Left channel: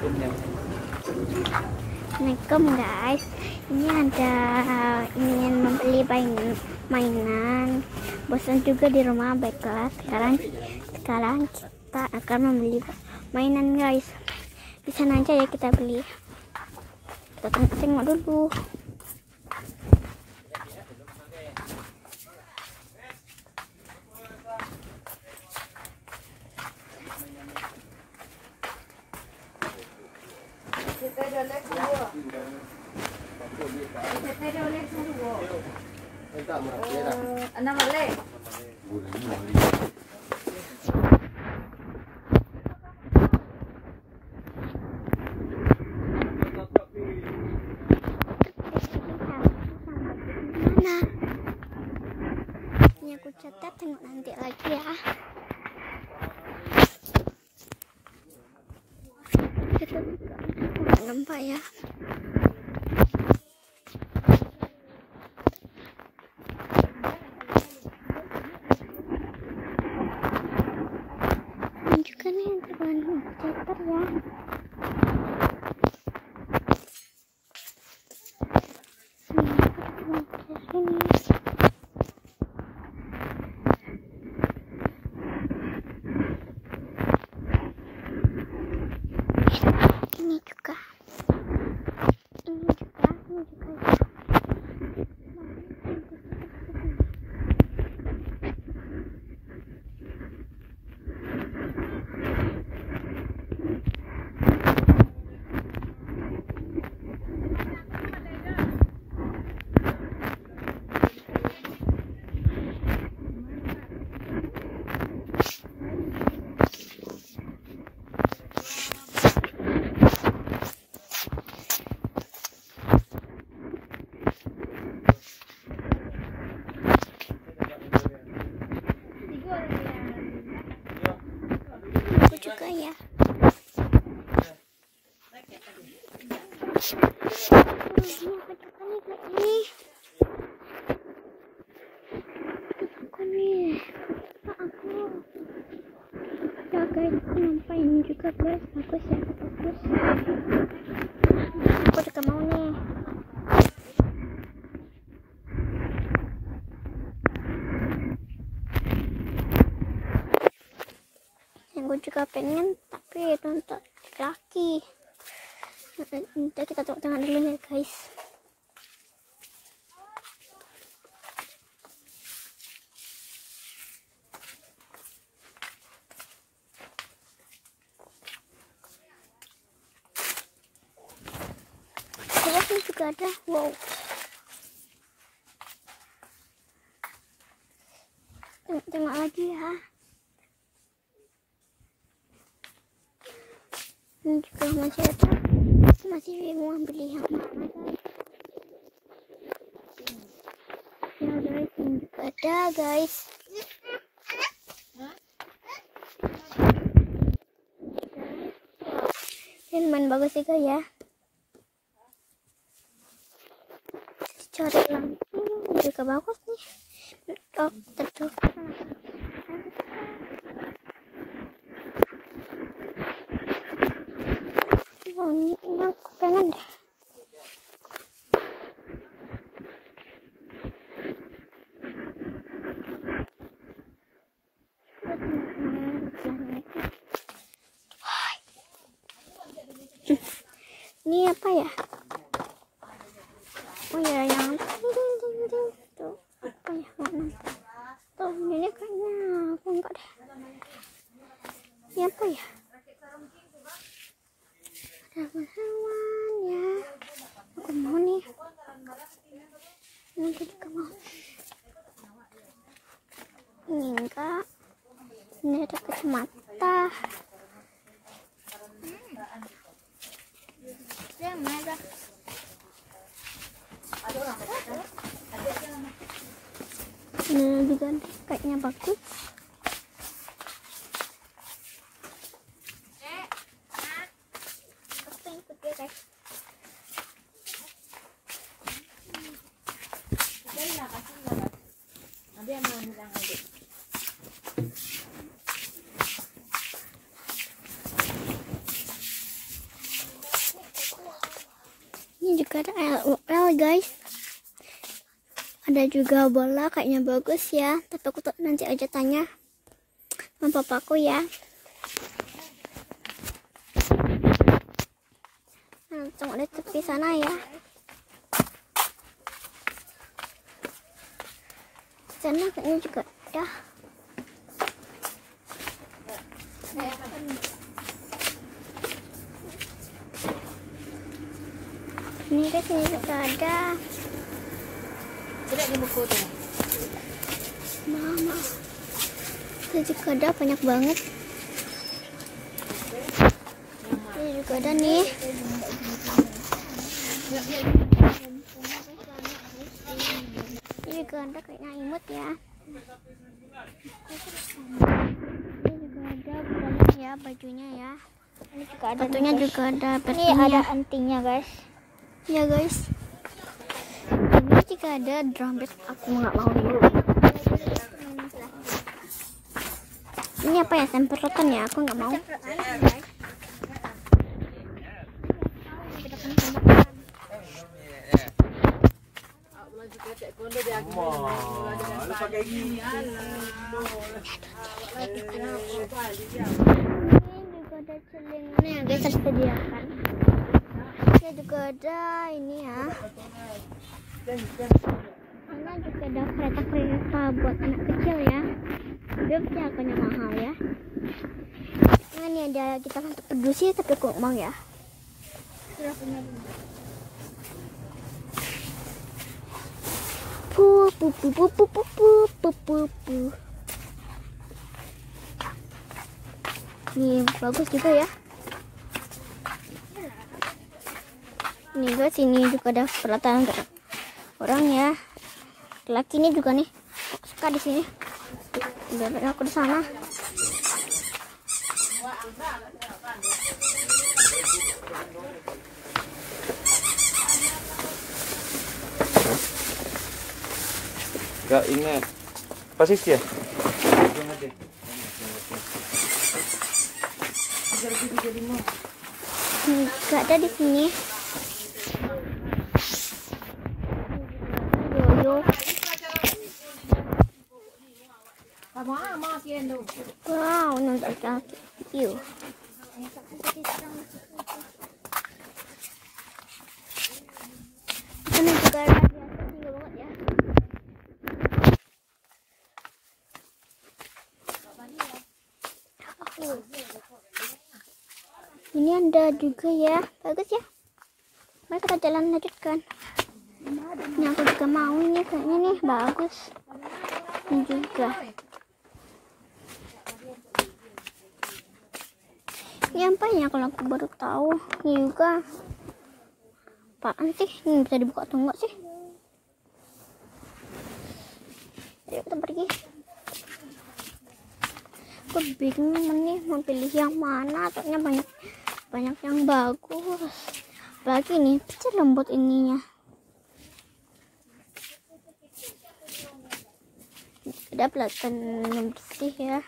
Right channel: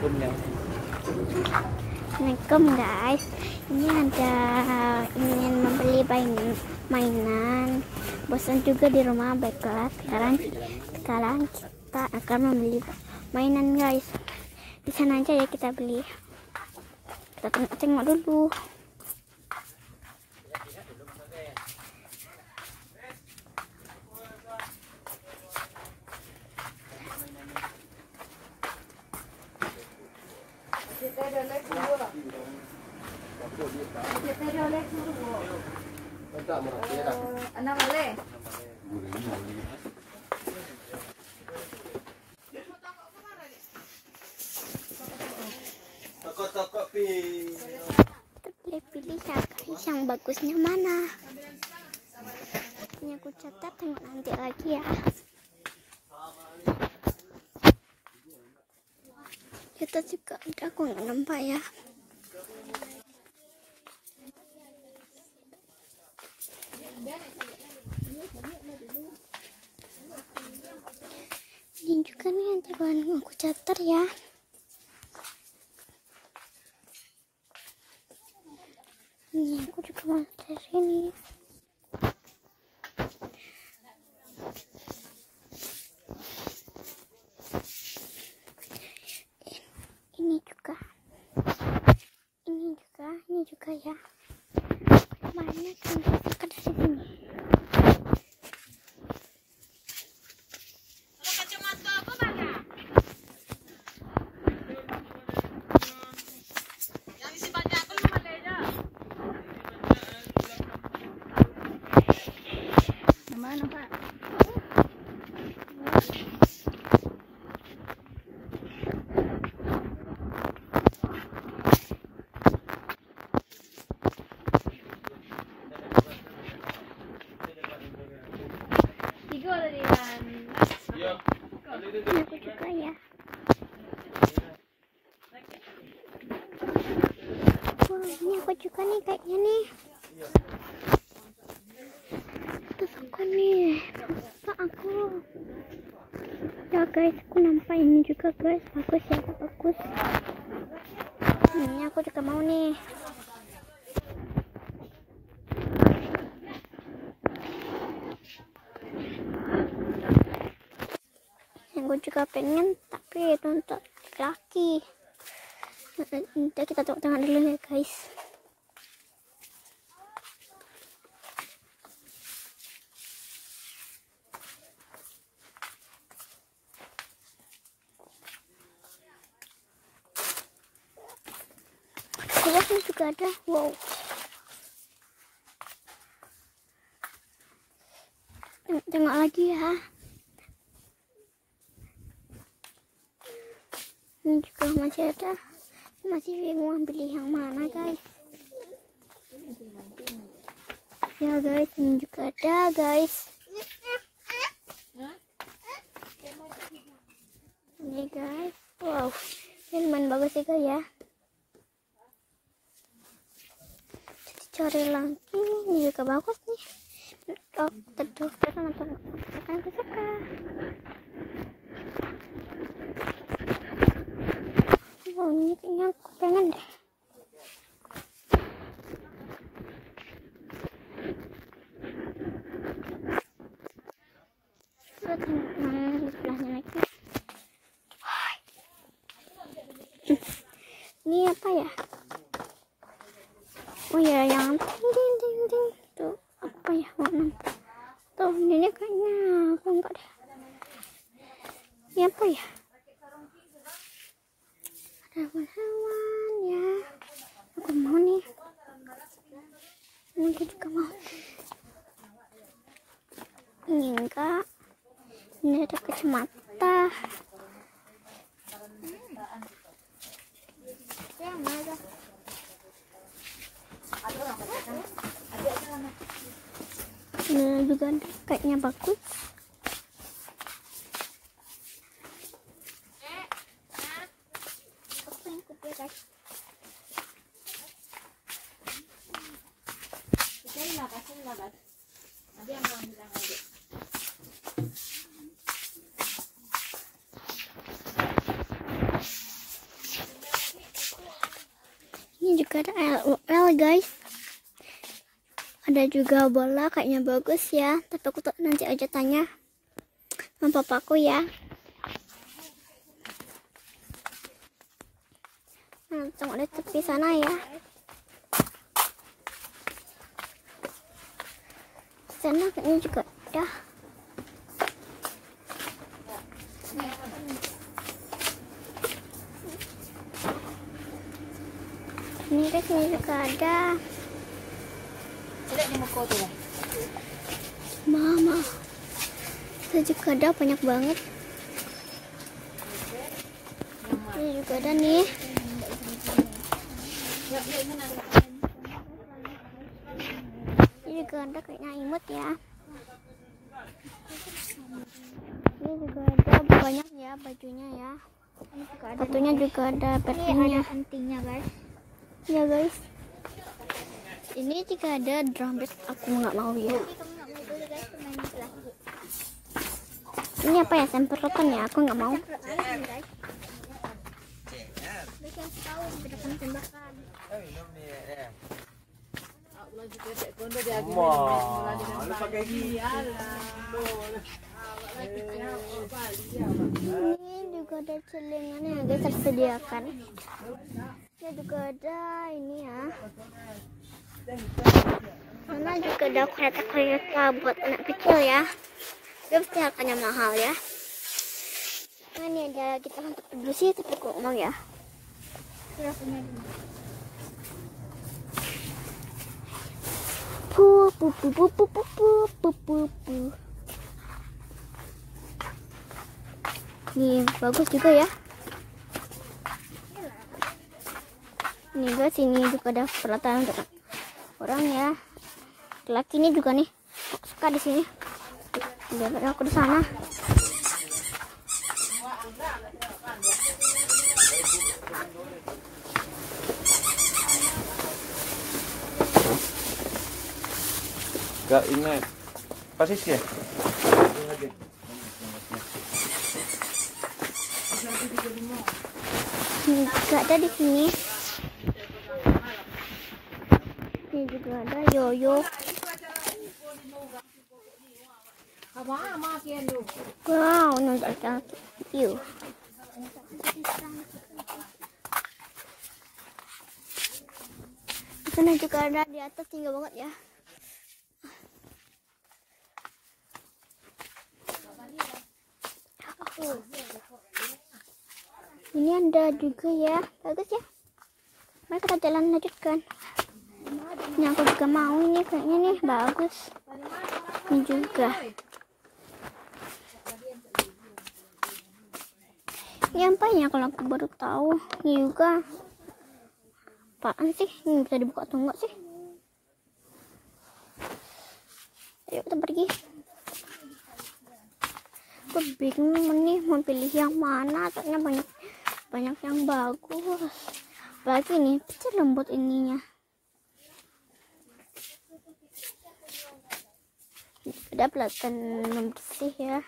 Assalamualaikum guys, ini ada ingin membeli mainan, bosan juga di rumah. Baiklah, sekarang kita akan membeli mainan guys. Di sana aja ya kita beli. Kita tengok dulu. Yang bagusnya mana? Ini aku catat, tengok nanti lagi ya. Kita juga ada, aku nggak nampak ya. Ini juga nih yang terbaru aku catat ya. Ini aku juga dari sini. Ini juga ya. Banyak yang kita di sini. Aku juga ya. Ini aku juga nih kayak gini. Terus aku nih, aku. Ya guys, aku nampak ini juga guys, bagus ya, bagus. Ini aku juga mau nih. Gue juga pengen, tapi itu untuk laki. Nanti kita tepuk tangan dulu ya guys. Ini juga ada, wow. Tengok lagi ya. Ini juga masih ada, masih bingung beli yang mana guys. Ya guys, ini juga ada guys. Ini guys, wow, ini lumayan bagus juga ya. Cari lagi, ini juga bagus nih. Oh, tentu akan kita. Oh, ini aku pengen deh. Ini apa ya? Oh ya, yang ting tuh apa ya? Tuh ini kayaknya aku enggak deh. Ini apa ya? Hewan ya, aku mau nih. Ini juga mau. Ini enggak. Ini ada kacamata. Ini juga deh, kayaknya bagus. juga ada LOL guys. Ada juga bola, kayaknya bagus ya. Tapi aku nanti aja tanya sama papaku ya. Nah, tunggu di tepi sana ya. Sana kayaknya juga ada. Ini guys, ini juga ada. Mama, itu juga ada banyak banget. Ini juga ada nih. Ini juga ada kayaknya imut ya. Ini juga ada banyak ya bajunya ya. Ini juga ada. Batunya juga ada. Ini ada antingnya guys. Ya guys. Ini juga ada drum beat. Aku nggak mau dulu. Ini apa ya, semprotan ya? Aku nggak mau. Ini juga ada celengan yang guys tersediakan. Ini juga ada ini ya. Sana juga ada kereta-kereta buat anak kecil ya. Dia pasti harganya mahal ya. Nah, ini ada kita kan peduli sih, tapi kok mau ya. Ini bagus juga ya. Ini guys, ini juga ada peralatan untuk orang ya. Laki ini juga nih, suka di sini. Biar aku di sana. Gak ingat posisi ya? Gak ada di sini. Ini juga ada yoyo. Wow, nonton kaki. Yuk. Di sana juga ada di atas, tinggal banget ya. Ini ada juga ya, bagus ya. Mari kita jalan lanjutkan. Ini aku juga mau, ini kayaknya nih bagus. Ini juga. Ini apa ya, kalau aku baru tahu. Ini juga. Apaan sih? Ini bisa dibuka atau enggak sih? Ayo kita pergi. Aku bingung nih mau pilih yang mana, soalnya banyak yang bagus. Apalagi nih kecil lembut ininya. Ada pelatan bersih ya.